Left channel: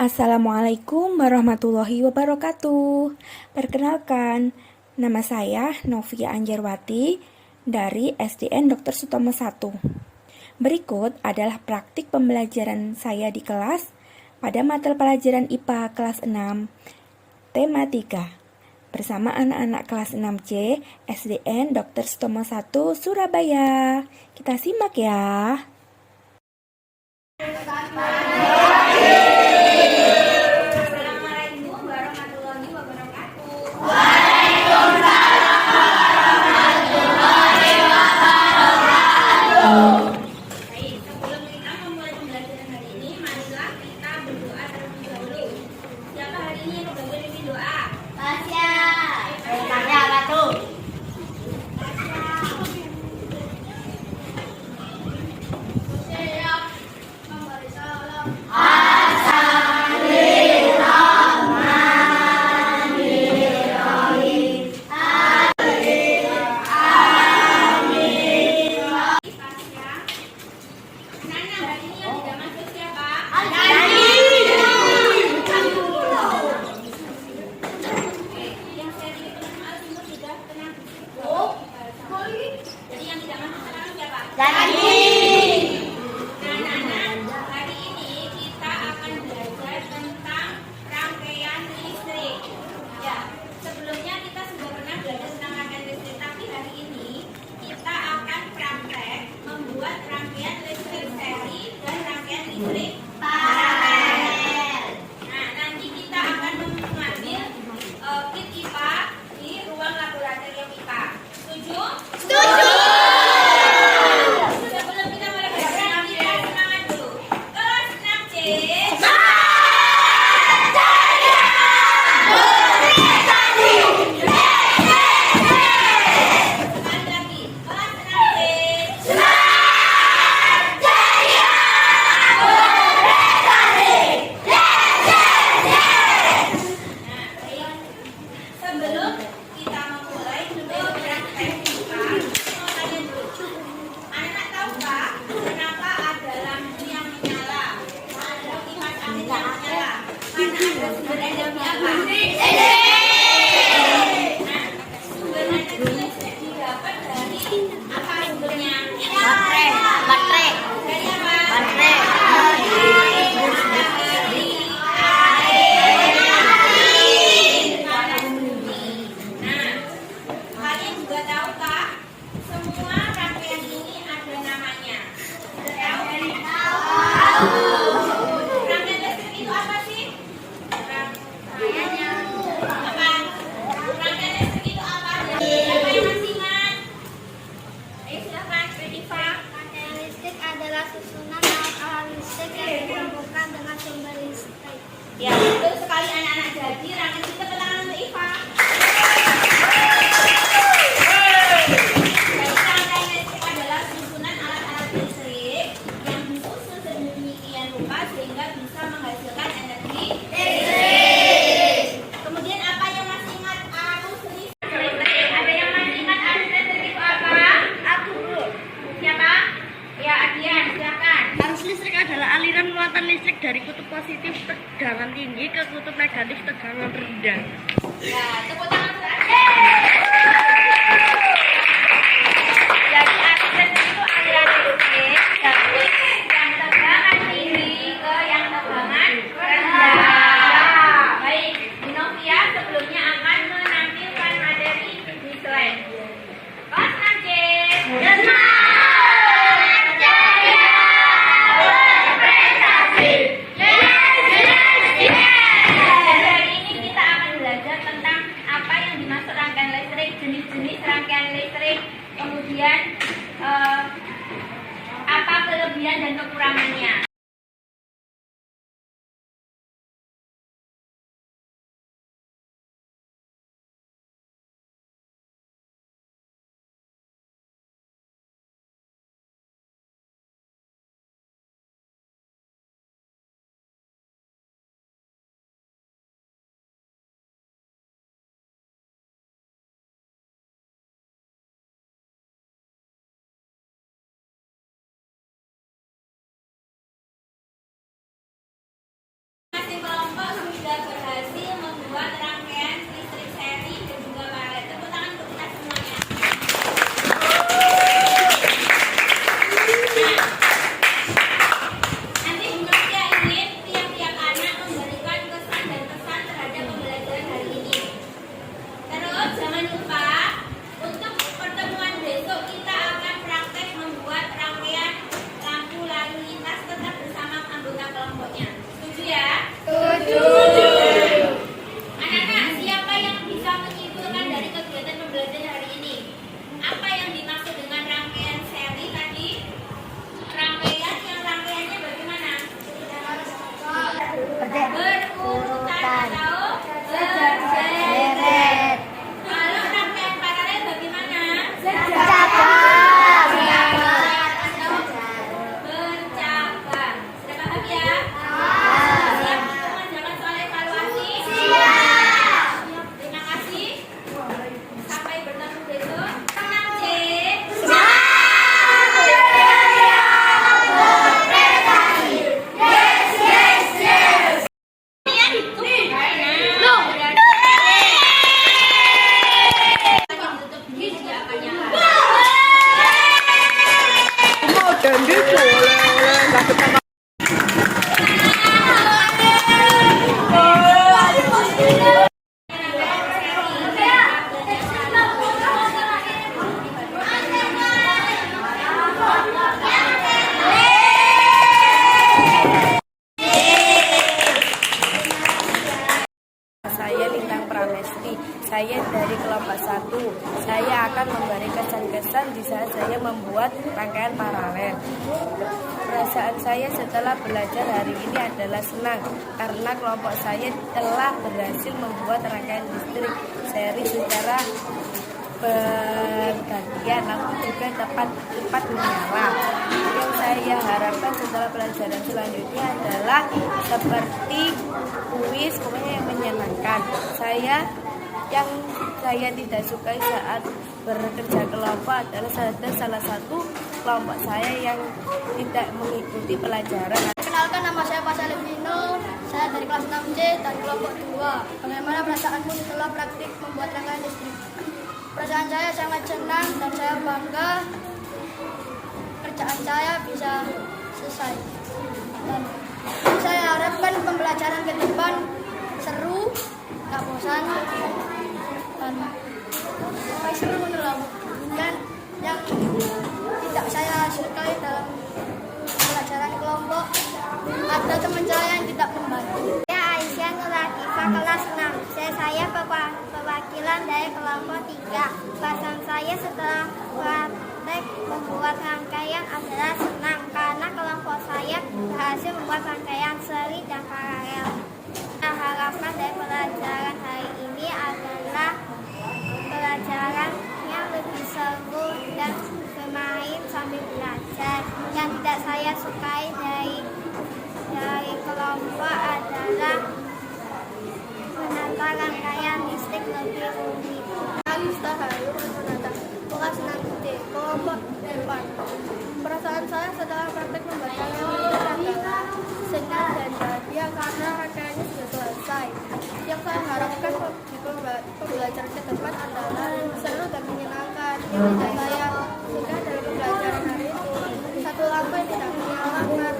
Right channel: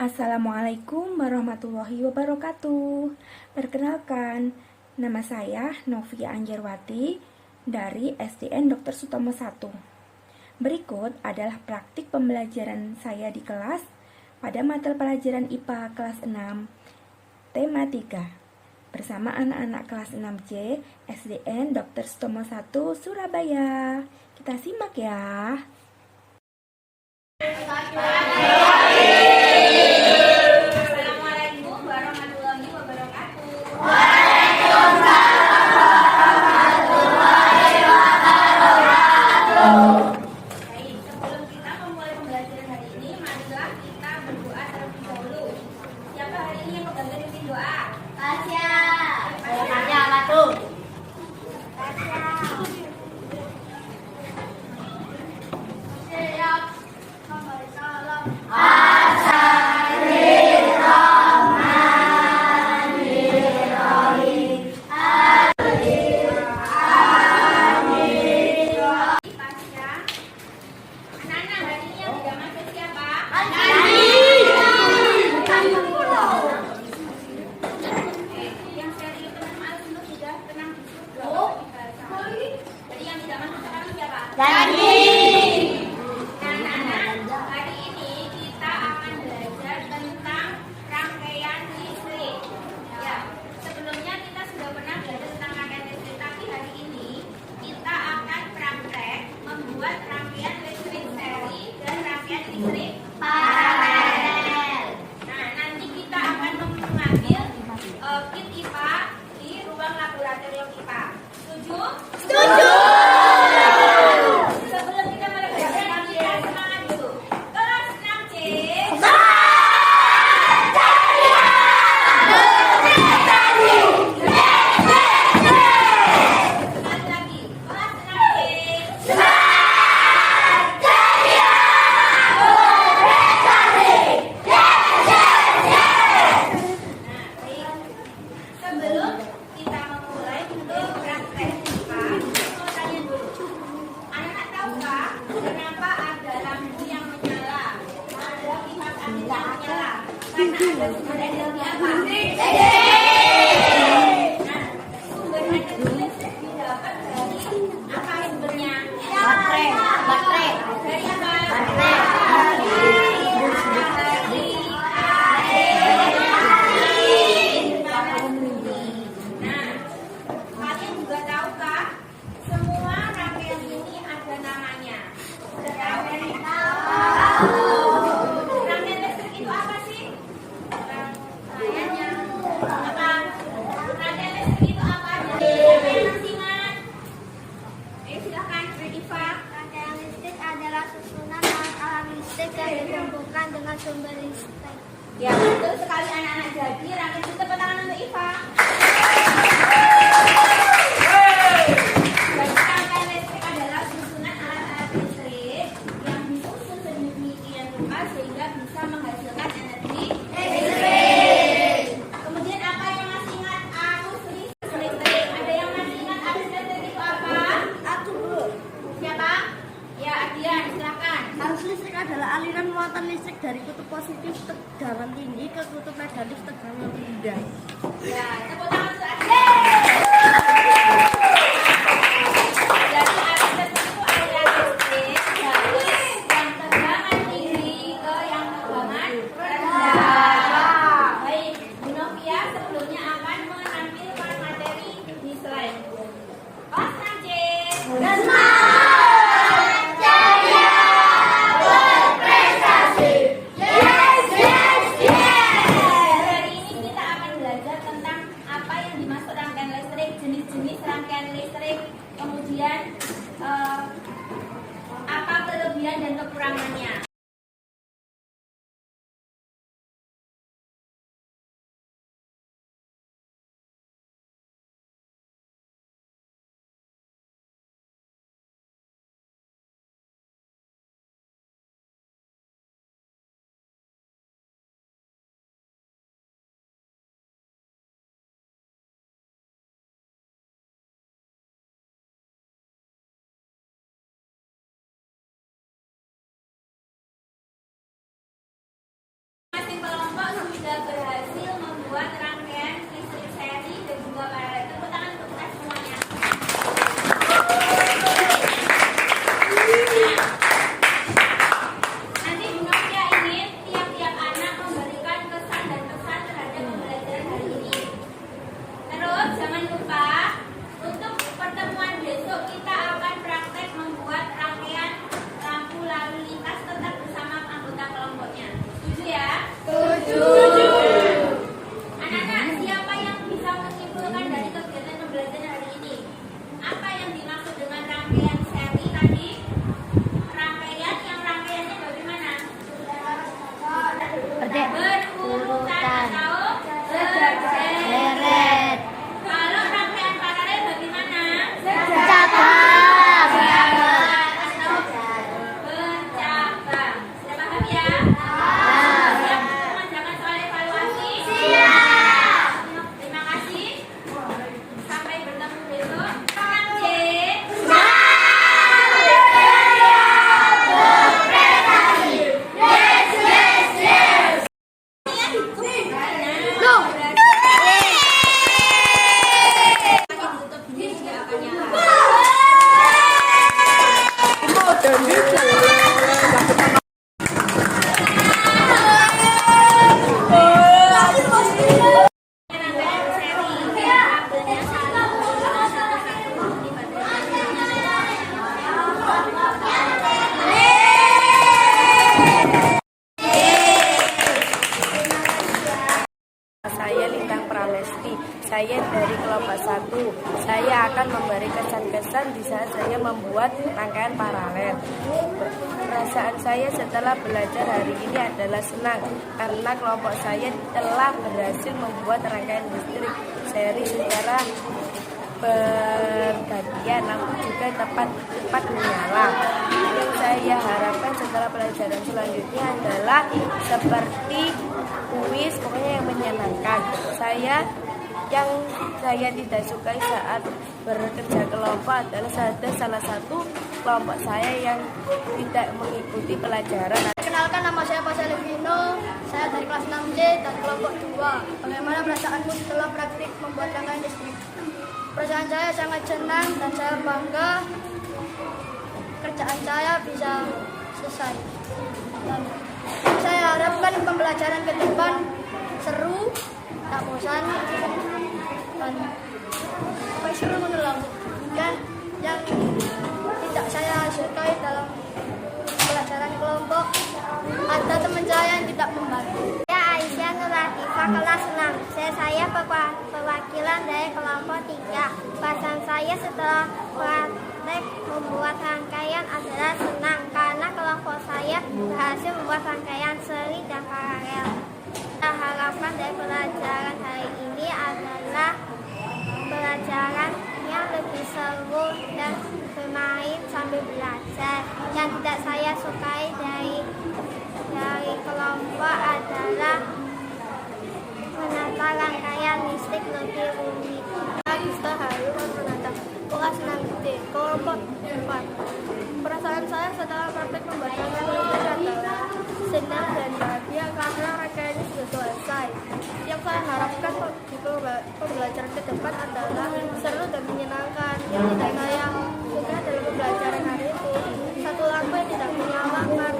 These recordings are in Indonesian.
Assalamualaikum warahmatullahi wabarakatuh. Perkenalkan, nama saya Novia Anjarwati dari SDN Dr. Sutomo 1. Berikut adalah praktik pembelajaran saya di kelas pada mata pelajaran IPA kelas 6, tema 3, bersama anak-anak kelas 6C SDN Dr. Sutomo 1 Surabaya. Kita simak ya. Ya, untuk sekali anak-anak jadi rangkaian kita ke tangan untuk Iva. Jadi rangkaian listrik adalah susunan alat-alat listrik yang disusun sedemikian rupa sehingga bisa menghasilkan energi listrik. Kemudian apa yang masih ingat arus listrik? Ada yang masih ingat arus listrik itu apa? Aku, Bu. Siapa? Ya, Adian, silakan. Arus listrik adalah aliran muatan listrik dari kutub positif tegangan tinggi ke kutub negatif tegangan rendah. Ya, tepuk tangan untuk Adian. Jadi arus listrik itu aliran listrik dari yang tegangan tinggi ke yang tegangan rendah. Baik, Bu Novia sebelumnya akan menampilkan materi di slide. Kelas 6C. Tentang apa yang dimaksud rangkaian listrik sudah berhasil membuat rangkaian listrik seri dan juga paralel. Tepuk tangan untuk kita semuanya. Nanti Bu Novia ingin tiap-tiap anak memberikan kesan dan pesan terhadap pembelajaran hari ini. Terus jangan lupa untuk pertemuan besok kita akan praktek membuat rangkaian lampu lalu lintas tetap bersama anggota kelompoknya. Setuju ya? Anak-anak, siapa yang bisa menyimpulkan dari kegiatan pembelajaran hari ini? Apa yang dimaksud dengan rangkaian seri tadi? Rangkaian yang rangkaiannya bagaimana? Berurutan atau berderet. Kalau rangkaian paralel bagaimana? Berjabat atau berjabat. Sudah paham ya? Jangan soal evaluasi. Siap. Terima kasih. Sampai bertemu besok. C. Saya Lintang Pramesti, saya dari kelompok 1. Saya akan memberi kesan-kesan di saat saya membuat rangkaian paralel. Perasaan saya setelah belajar hari ini adalah senang karena kelompok saya telah berhasil membuat rangkaian listrik seri secara bergantian, lampu juga cepat menyala. Yang saya harapkan setelah pelajaran selanjutnya adalah seperti kuis, pokoknya yang menyenangkan. Yang saya tidak sukai saat bekerja kelompok adalah ada salah satu kelompok saya yang tidak mengikuti pelajaran. Perkenalkan, nama saya Pak Salvino, saya dari kelas 6D dari kelompok 2. Bagaimana perasaanmu setelah praktik membuat rangkaian listrik? Perasaan saya sangat senang dan saya bangga kerjaan saya bisa selesai. Dan saya harapkan pembelajaran ke depan seru, tak bosan, dan seru menurut. Dan yang tidak saya sukai dalam pelajaran kelompok ada teman saya yang tidak membantu. Saya Aisyah Nuratifah kelas 6. Saya perwakilan dari kelompok 3. Perasaan saya setelah praktek membuat rangkaian adalah senang karena kelompok saya berhasil membuat rangkaian seri dan paralel. Harapan dari pelajaran hari ini adalah pelajaran yang lebih seru dan bermain sambil belajar. Yang tidak saya sukai dari kelompok adalah menata rangkaian listrik lebih rumit. Gusta Hayu menata kelas 6D kelompok 4. Perasaan saya setelah praktek membuat rangkaian listrik adalah senang dan bahagia karena rangkaiannya sudah selesai. Yang saya harapkan di pembelajaran ke depan adalah seru dan menyenangkan. Yang tidak saya suka dalam pembelajaran hari itu satu lampu yang tidak menyalakan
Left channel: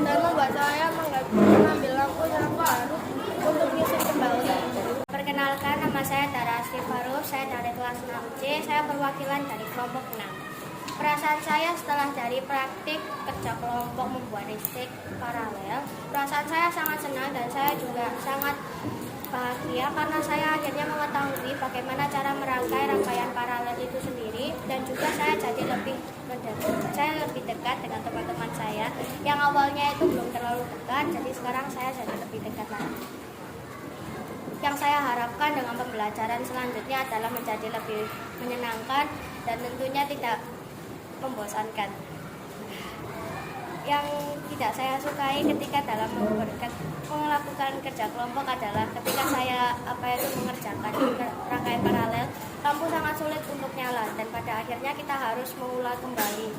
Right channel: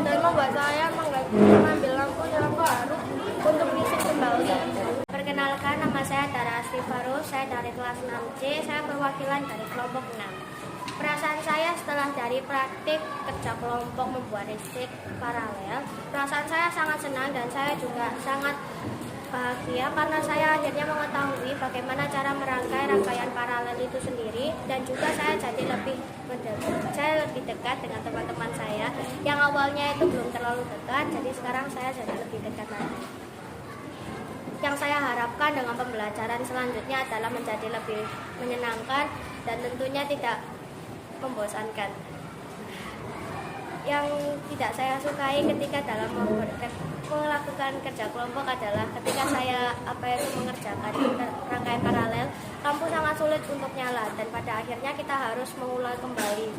dan membuat saya mengambil lampu baru untuk listrik kembali. Perkenalkan, nama saya Dara Asri Farul, saya dari kelas 6C, saya perwakilan dari kelompok 6. Perasaan saya setelah dari praktik kerja kelompok membuat listrik paralel, perasaan saya sangat senang dan saya juga sangat bahagia karena saya akhirnya mengetahui bagaimana cara merangkai rangkaian paralel itu sendiri, dan juga saya jadi lebih dekat dengan teman-teman saya yang awalnya itu belum terlalu dekat, jadi sekarang saya jadi lebih dekat lagi. Yang saya harapkan dengan pembelajaran selanjutnya adalah menjadi lebih menyenangkan dan tentunya tidak membosankan. Yang tidak saya sukai ketika dalam melakukan kerja kelompok adalah ketika saya mengerjakan rangkaian paralel, lampu sangat sulit untuk nyala dan pada akhirnya kita harus mengulang kembali.